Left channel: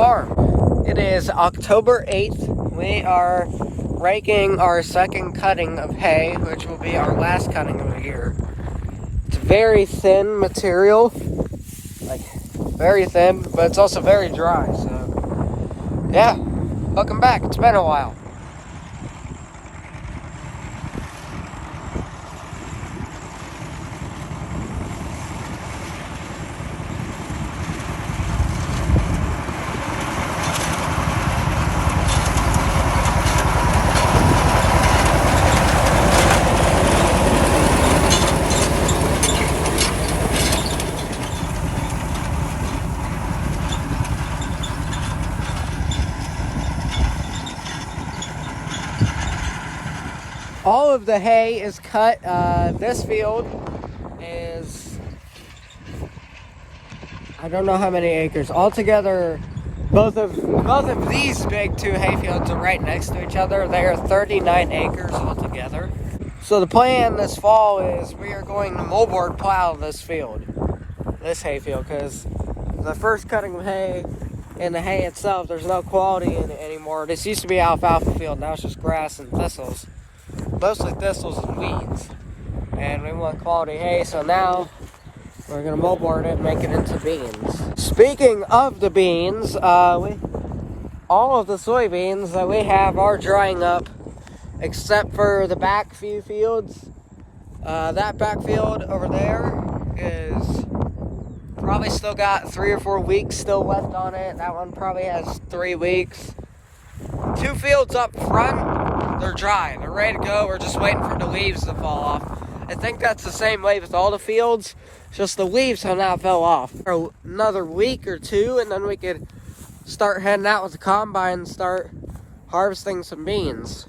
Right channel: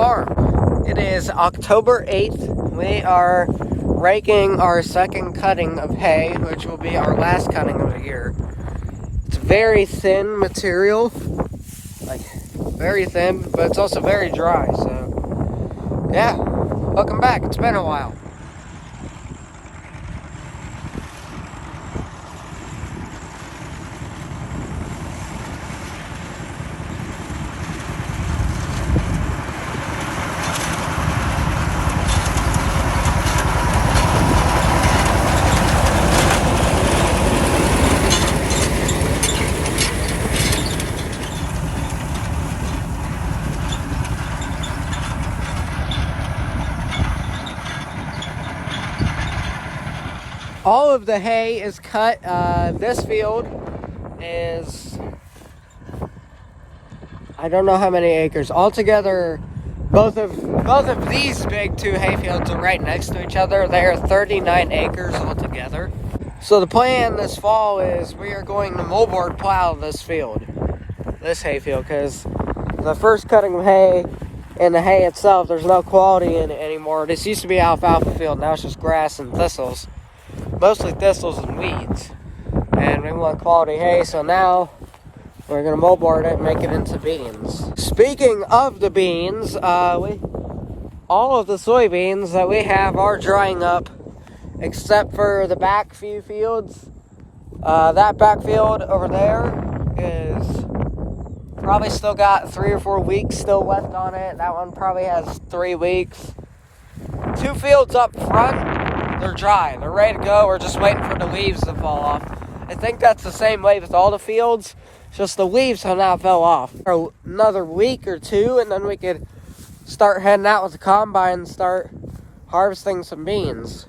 farm. It is October 8th. We are raking our second cutting of hay, which will be our last cutting of the year. It's very thin material, like very thin, but it's also very dry, so yeah, welcome back. It's been a while. All of the hay is cut. This field is, I don't know how many acres. Altogether, both of these big two hay fields are right next to each other. They are 39 acres altogether. So the plan this fall is we are going to moldboard plow this field, this hay field, because the first cutting of hay and the hay itself, there's no quality in it anymore. This used to be alfalfa field, now it's just grass and thistles. Mostly thistles and weeds, and we want quality hay, so now we're gonna moldboard it and make it into beans. Speaking of the beans, all of the soybeans that we have are drying up, except for the back few fields. That back field over there is probably still got 3 or 4 weeks still left on it. That one probably has 3 weeks. 2 fields up front, they're dry, they're ready to go. We're just waiting for the leaves to fall off. I think that's the same way with all the fields, just the leaves have now fell off. For another week or 2, and then we could start heading out with the combine and start harvesting some beans.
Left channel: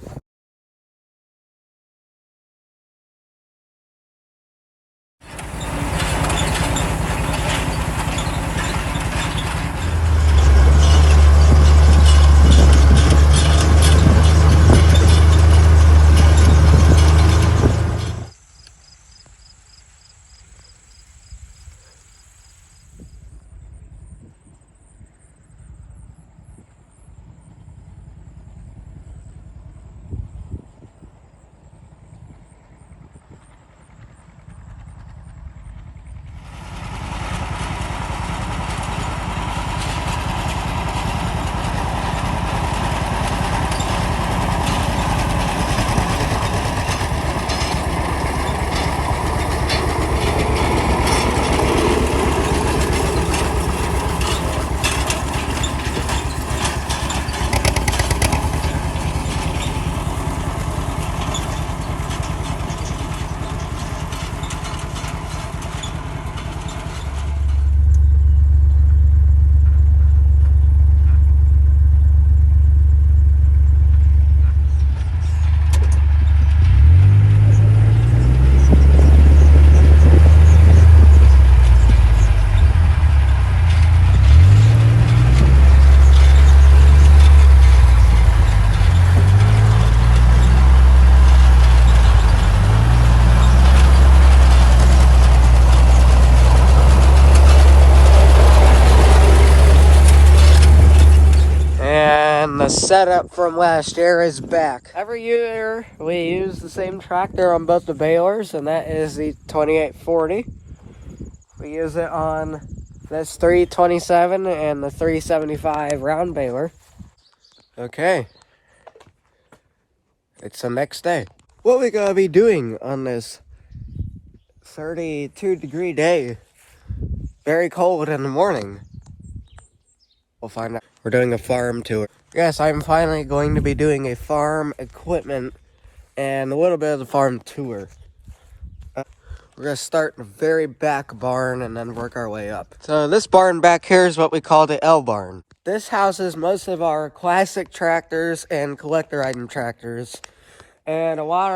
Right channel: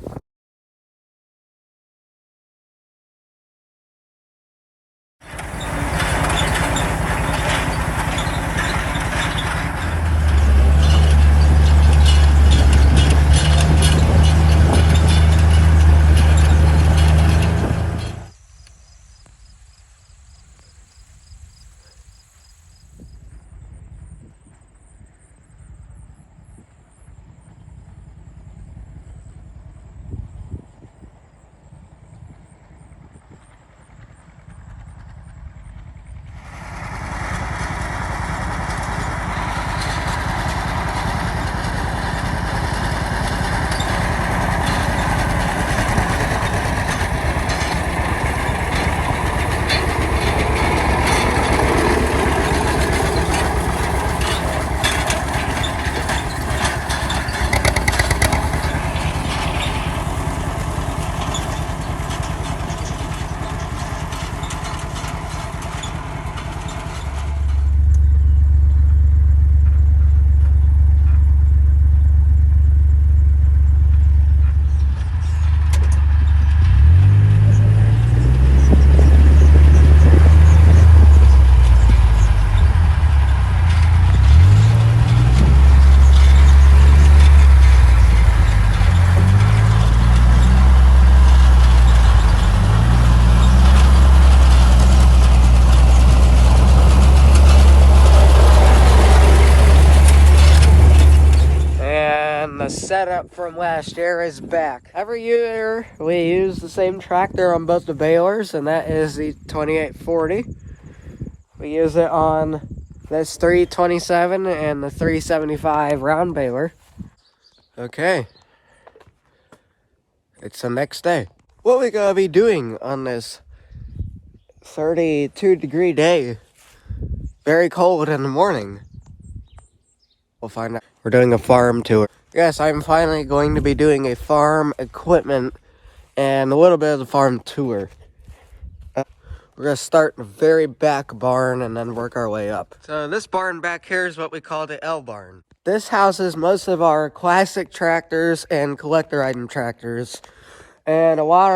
The setup from last year is back. Every year we use the same tractor on both the balers, and that is the 2840. We use it on this 327 and the 375 round baler. Okay, it's the next day. What we gonna be doing on this 32-degree day? Very cold in the morning. We'll find out. We're doing a farm tour. Yes, I'm finally going to be doing a farm equipment and a little bit of the farm tour. We're going to start in the very back barn and then work our way up. So this barn back here is what we call the L barn. This houses most of our classic tractors and collector item tractors, and a lot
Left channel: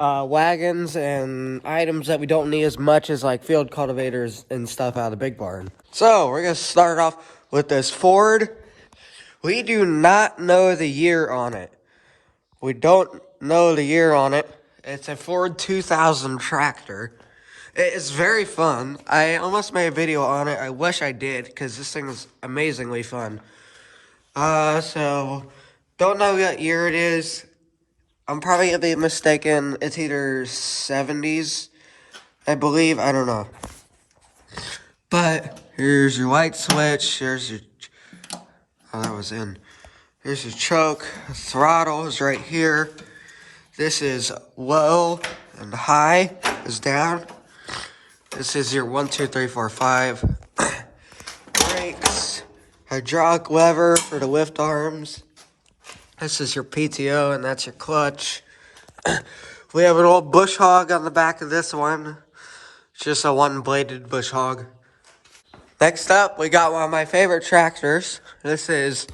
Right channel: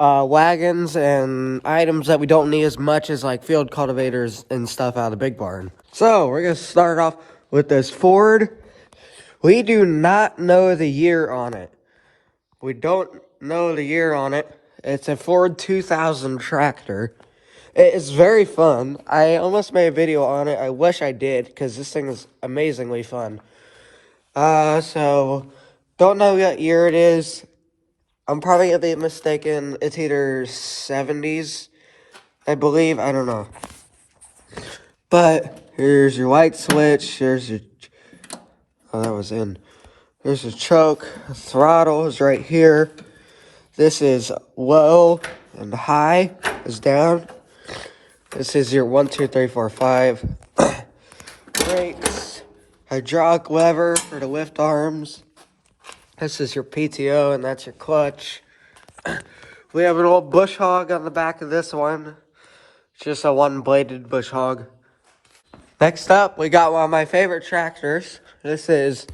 of wagons and items that we don't need as much as like field cultivators and stuff out of the big barn. So we're going to start off with this Ford. We do not know the year on it. We don't know the year on it. It's a Ford 2000 tractor. It is very fun. I almost made a video on it. I wish I did, because this thing is amazingly fun. So don't know what year it is. I'm probably gonna be mistaken. It's either 70s, I believe. I don't know. But here's your light switch. Here's your, oh, that was in. Here's your choke. Throttle is right here. This is low and high is down. This is your 1, 2, 3, 4, 5. Brakes. Hydraulic lever for the lift arms. This is your PTO and that's your clutch. We have an old bush hog on the back of this one. It's just a one-bladed bush hog. Next up, we got one of my favorite tractors. This is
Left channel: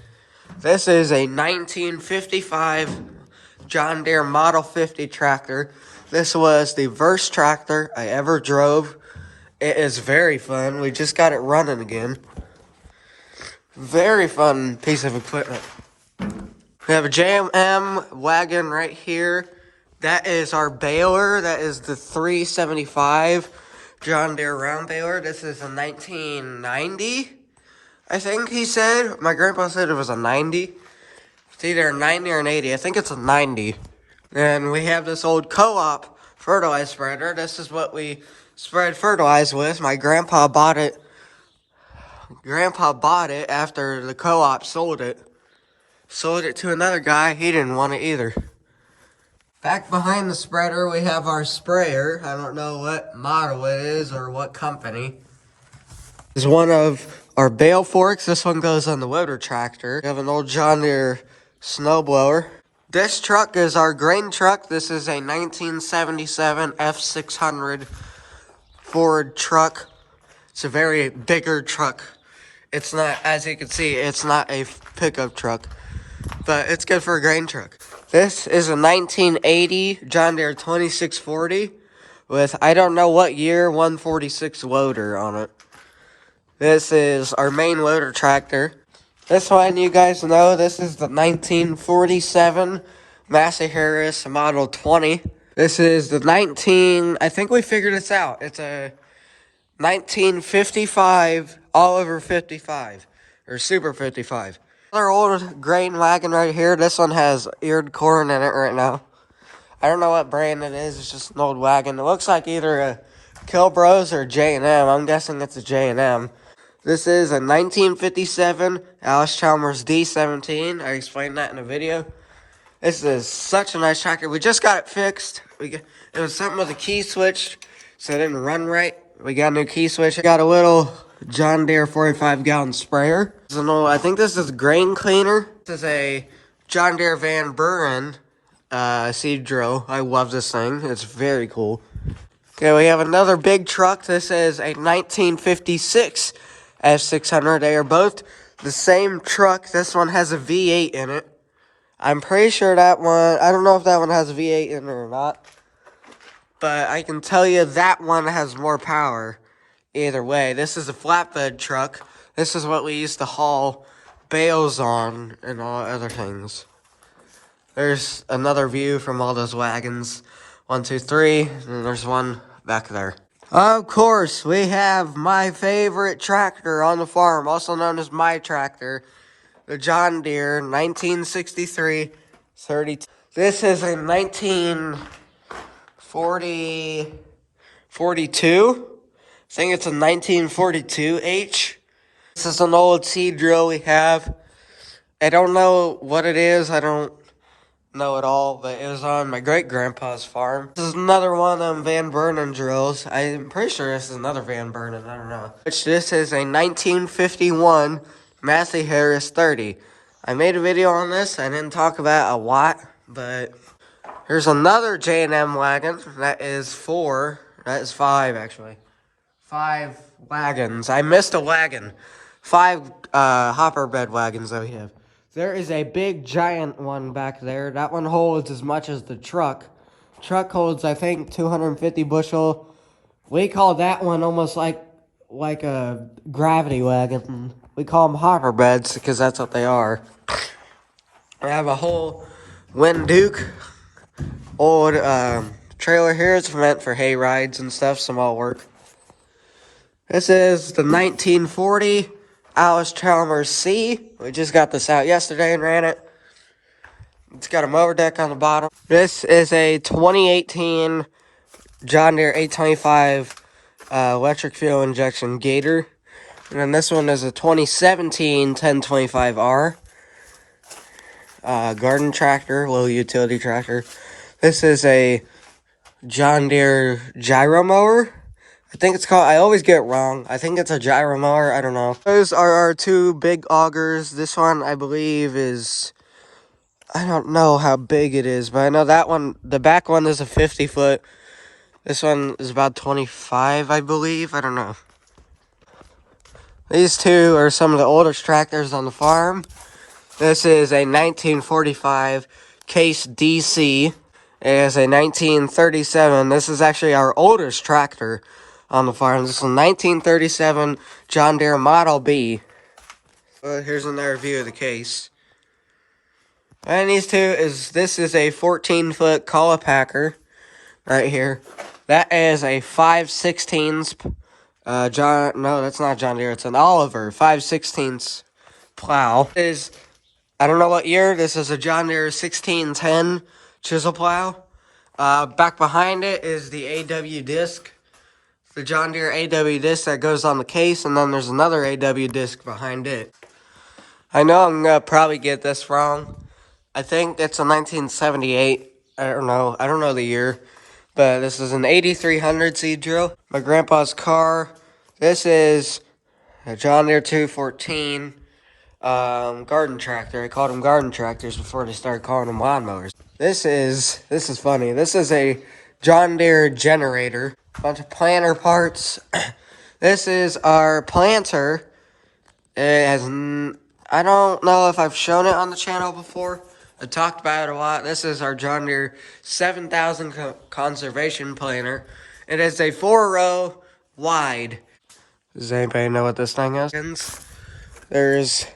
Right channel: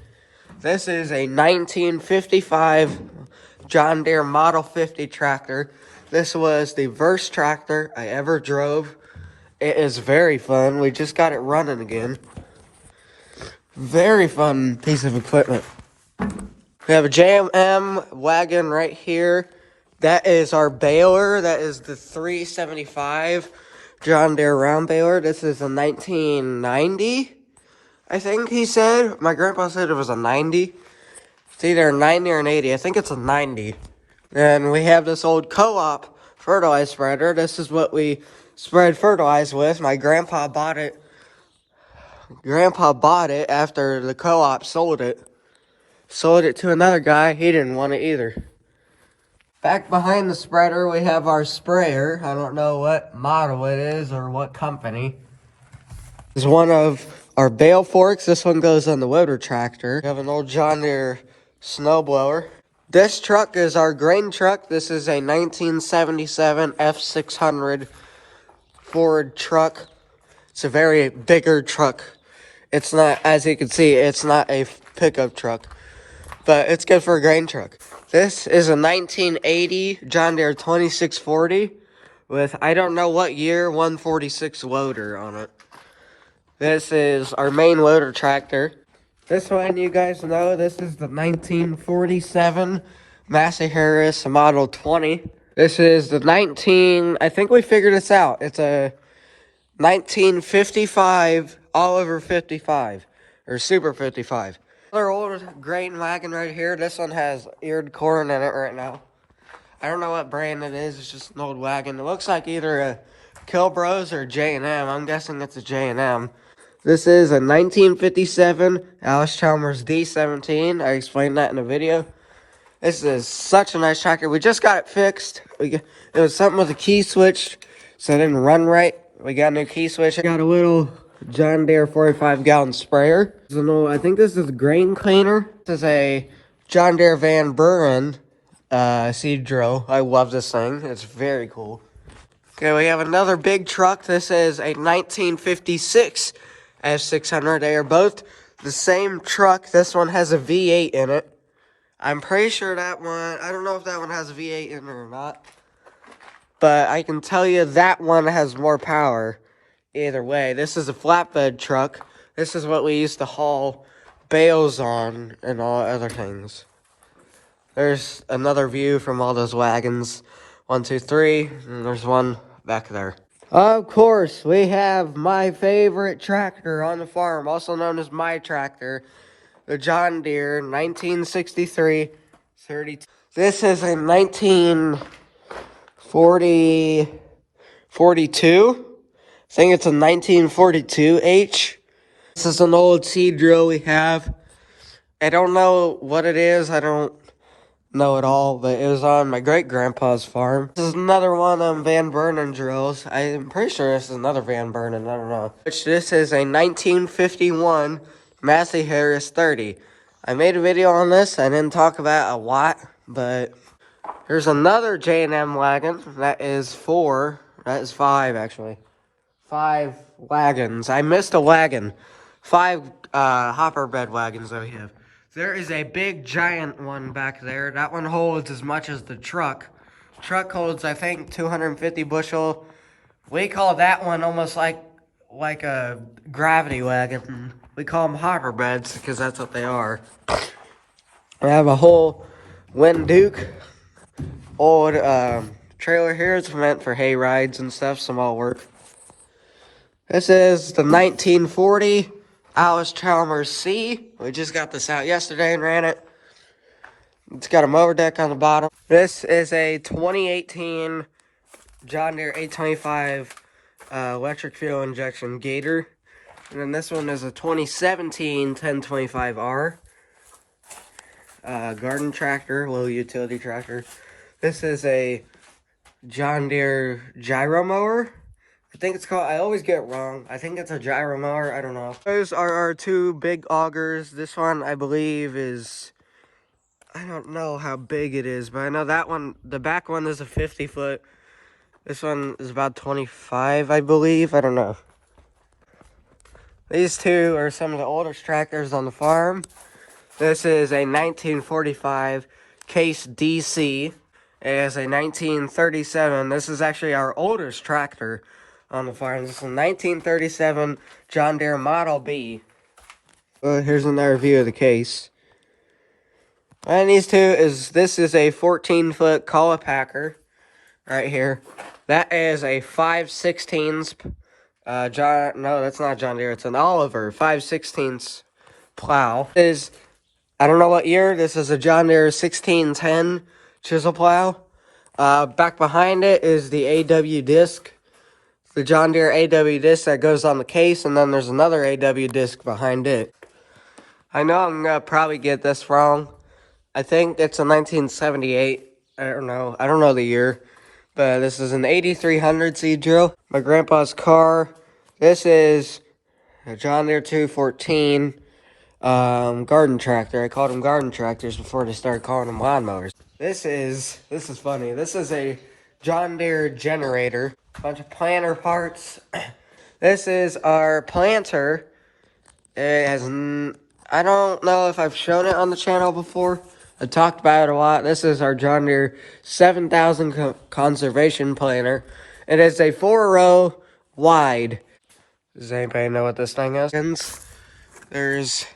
a 1955 John Deere Model 50 tractor. This was the first tractor I ever drove. It is very fun. We just got it running again. Very fun piece of equipment. We have a J&M wagon right here. That is our baler. That is the 375 John Deere round baler. This is a 1990, I think he said. My grandpa said it was a 90. It's either a 90 or an 80. I think it's a 90. And we have this old co-op fertilizer spreader. This is what we spread fertilizer with. My grandpa bought it. Grandpa bought it after the co-op sold it. Sold it to another guy. He didn't want it either. Back behind the spreader, we have our sprayer. I don't know what model it is or what company. This is one of our bale forks. This one goes on the loader tractor. We have an old John Deere snowblower. This truck is our grain truck. This is a 1977 F600 Ford truck. It's a very bigger truck. It's not, as you can see, it's not a pickup truck, but it's good for a grain truck. This is a 1980 John Deere 2640 with, I don't know what year, 146 loader on it. This is our main loader tractor. This one, you guys know, this is the 1947 Massey Harris Model 20. This is the I think we figured this out. It's a 1955 Oliver 55, or Super 55. Another old grain wagon right here. This one has eared corn in it right now. I don't know what brand it is. It's just an old wagon. It looks like either a Kilbros or J&M. I'm guessing it's a J&M. This is a 1957 Alice Chalmers D17. I explained that in the video. This is such a nice tractor. We just got it fixed. It was something with a key switch, so it didn't run right. We got a new key switch. I got a little John Deere 45-gallon sprayer. This is an old, I think this is a grain cleaner. This is a John Deere Van Buren seed drill. I love this thing. It's very cool. Okay, we have another big truck. This is a 1956 F600. They are both the same truck. This one has a V8 in it. I'm pretty sure that one, I don't know if that one has a V8 in it or not. But I can tell you that one has more power. Either way, this is a flatbed truck. This is what we used to haul bales on and all other things. There's another view from all those wagons. 1, 2, 3, and there's one back there. Of course, we have my favorite tractor on the farm, also known as my tractor, the John Deere 1963 32. This is a 1942. I think it's a 1942H. This is an old seed drill we have. I don't know what it is. I don't know it all, but it was on my great-grandpa's farm. This is another one of them Van Buren drills. I'm pretty sure this is another Van Buren. I don't know. Which this is a 1951 Massey Harris 30. I made a video on this. I didn't talk about a lot, but here's another J&M wagon. That is 4. That is 5, actually. 5 wagons. I missed a wagon. 5 hopper bed wagons that we have. There is a big giant one back there. That one holds as much as the truck. Truck holds, I think, 250 bushel. We call that one almost like a gravity wagon. We call them hopper beds because that's what they are. I have a whole Winduke old trailer here. It's meant for hay rides and stuff, small work. This is the 1940 Alice Chalmers C. We just got this out yesterday and ran it. It's got a mower deck on the bottom. This is a 2018 John Deere 825 electric fuel injection Gator. And then this one is a 2017 1025R garden tractor, little utility tractor. This is a John Deere gyro mower. I think it's called, I always get it wrong. I think it's a gyro mower, I don't know. Those are our two big augers. This one, I believe, is, I don't know how big it is, but I know that one, the back one is a 50 foot. This one is about 25, I believe. I don't know. These two are some of the oldest tractors on the farm. This is a 1945 Case DC. It is a 1937. This is actually our oldest tractor on the farm. This is a 1937 John Deere Model B. Here's another view of the case. And these two this is a 14-foot Packer right here. That is a 5/16 no, that's not John Deere. It's an Oliver 5/16 plow. I don't know what year. This is a John Deere 1610 chisel plow. Back behind it is the AW disc. The John Deere AW disc that goes on the case, and then there's another AW disc behind it. I know I'm going to probably get this wrong. I think it's a 1978. I don't know the year. But this is an 8300 seed drill. My grandpa's car. This is a John Deere 214 garden tractor. I called them garden tractors before they started calling them lawnmowers. This is funny. This is a John Deere generator. Bunch of planter parts. This is our planter. It has, I don't know if I've shown it on the channel before. I talked about it a lot. This is our John Deere 7000 conservation planter. It is a 4-row wide. Does anybody know what this thing is? There's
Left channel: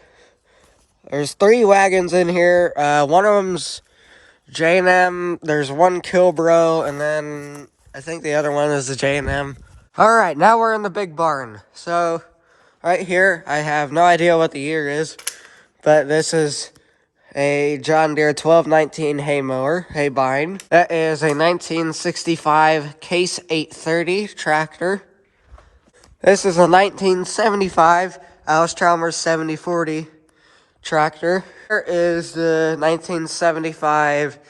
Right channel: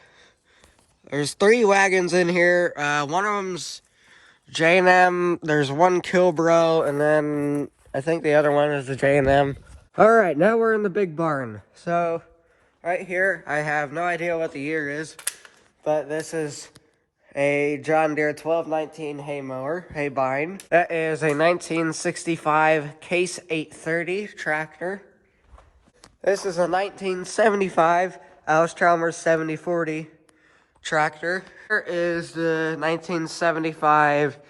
3 wagons in here. One of them's J&M. There's one Kilbro, and then I think the other one is the J&M. All right, now we're in the big barn. So right here, I have no idea what the year is, but this is a John Deere 1219 hay mower, hay bind. That is a 1965 Case 830 tractor. This is a 1975 Alice Chalmers 7040 tractor. Here is the 1975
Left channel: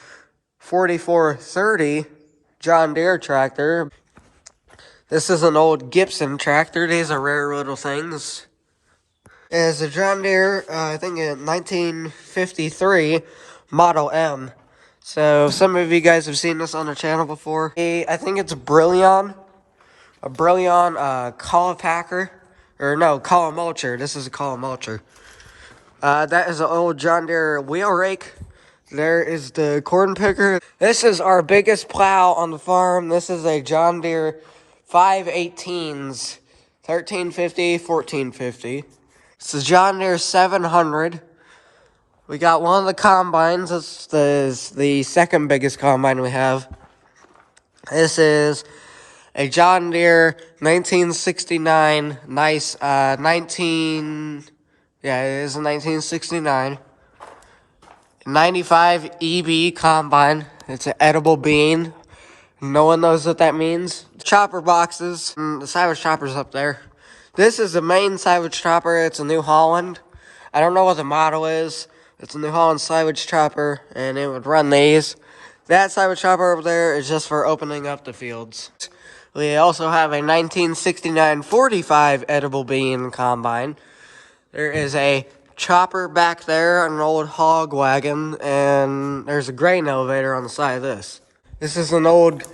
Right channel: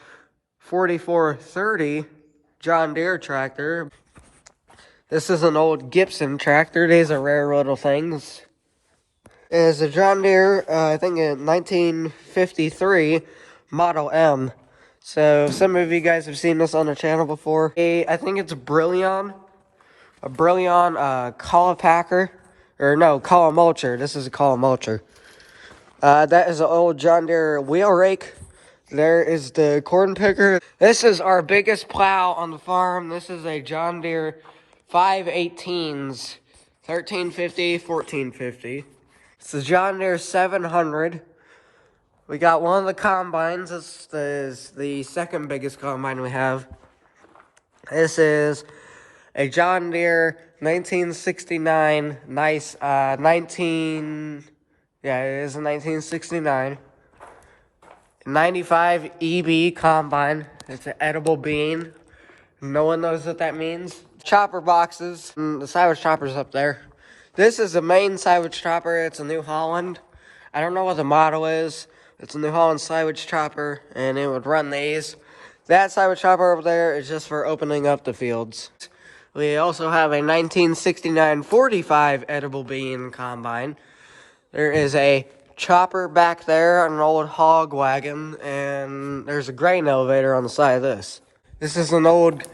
4430 John Deere tractor. This is an old Gibson tractor. These are rare little things. Is a John Deere, I think a 1953 Model M. So some of you guys have seen this on the channel before. I think it's a Brillion collar packer, or no, collar mulcher. This is a collar mulcher. That is an old John Deere wheel rake. There is the corn picker. This is our biggest plow on the farm. This is a John Deere 518s, 1350, 1450. It's the John Deere 700. We got one of the combines. This is the second biggest combine we have. This is a John Deere 1969, nice, yeah, it is a 1969. 95 EB combine. It's an edible bean. No one knows what that means. Chopper boxes. The silage chopper's up there. This is the main silage chopper. It's a New Holland. I don't know what the model is. It's a New Holland silage chopper, and it would run these. That silage chopper over there is just for opening up the fields. We also have a 1969 45 edible bean combine. There is a chopper back there, an old hog wagon, and there's a grain elevator on the side of this. This is an old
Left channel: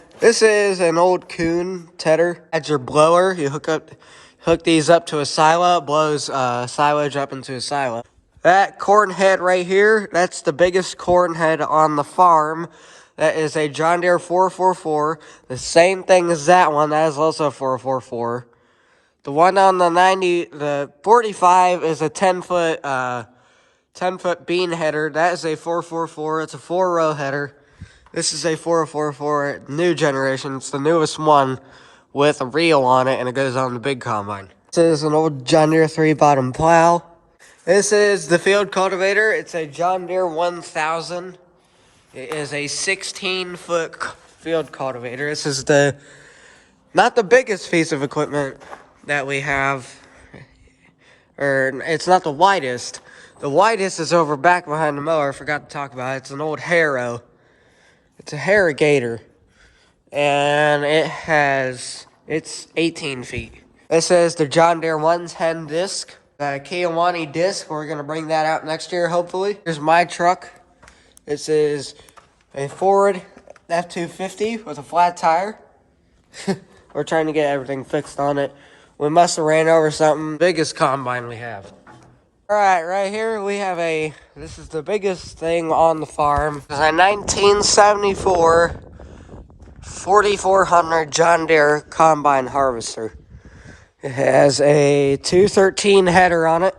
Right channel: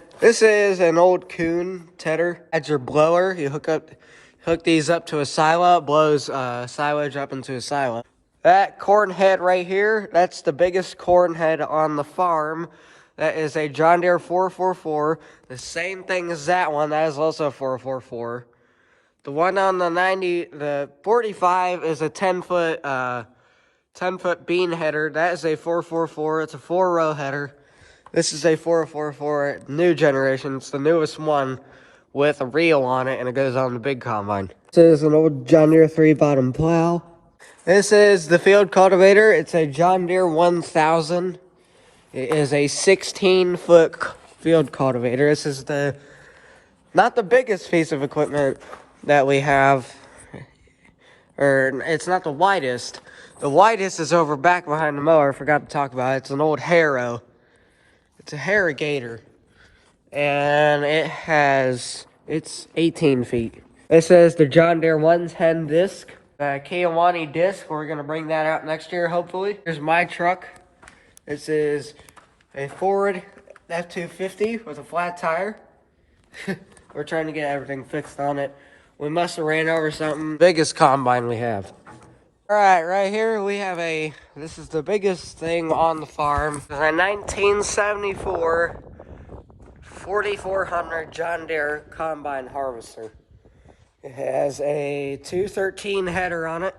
Kuhn tedder. That's your blower. You hook these up to a silo. It blows silage up into a silo. That corn head right here, that's the biggest corn head on the farm. That is a John Deere 444. The same thing as that one. That is also a 444. The one on the 45 is a 10-foot bean header. That is a 444. It's a 4-row header. This is a 444 new generation. It's the newest one with a reel on it, and it goes on the big combine. This is an old John Deere 3-bottom plow. This is the field cultivator. It's a John Deere 1000. It is a 16-foot field cultivator. This is not the biggest piece of equipment that we have, or it's not the widest. The widest is over back behind the mower. I forgot to talk about it. It's an old harrow. It's a harrogator, and it's 18 feet. This is the John Deere 110 disc, the Kiowani disc. We're gonna bring that out next year, hopefully. Here's my truck. This is a Ford F-250 with a flat tire. We're trying to get everything fixed on it. We must have ran over something. Biggest combine we have. All right, right here we have this is the biggest thing on the farm. It's a 1974 4400 John Deere combine harvester. It has a 213 header on it,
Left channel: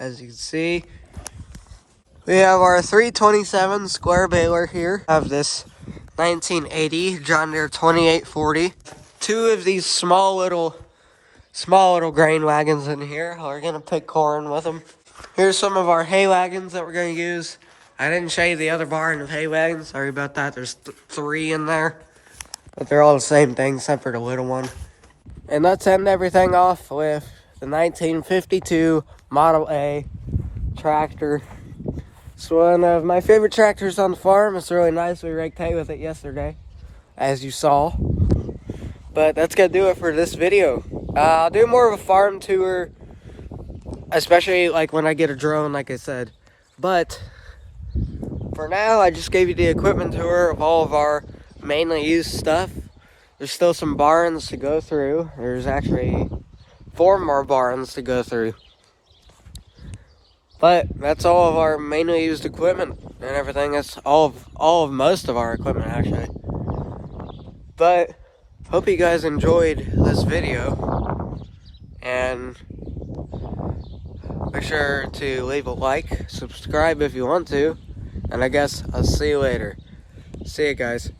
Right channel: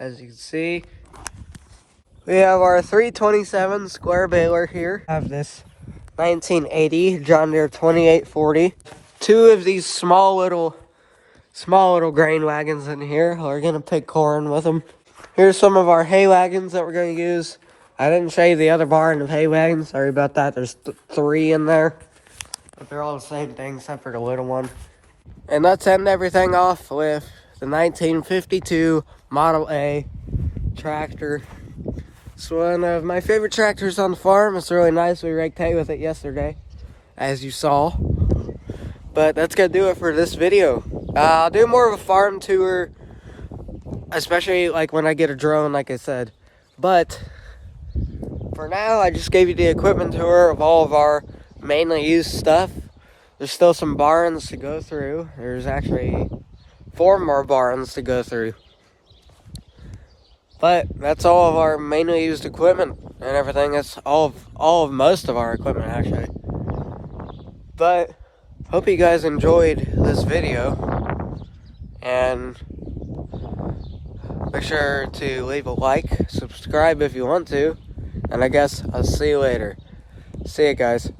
as you can see. We have our 327 square baler here. We have this 1980 John Deere 2840. Two of these small little grain wagons in here. We're gonna pick corn with them. Here's some of our hay wagons that we're gonna use. I didn't show you the other barn of hay wagons. Sorry about that. There's 3 in there, but they're all the same thing except for the little one. And let's end everything off with the 1952 Model A tractor. It's one of my favorite tractors on the farm. It's really nice. We raked hay with it yesterday, as you saw. But that's gonna do it for this video. I'll do more of a farm tour, especially like when I get a drone, like I said. But for now, I just gave you the equipment tour of all of our mainly used stuff. There's still some barns to go through. There's actually 4 more barns to go through. But that's all of our mainly used equipment and everything. That's all of most of our equipment, actually. But hope you guys enjoyed this video, and make sure to leave a like, subscribe if you want to, and I guess I'll see you later. See you guys.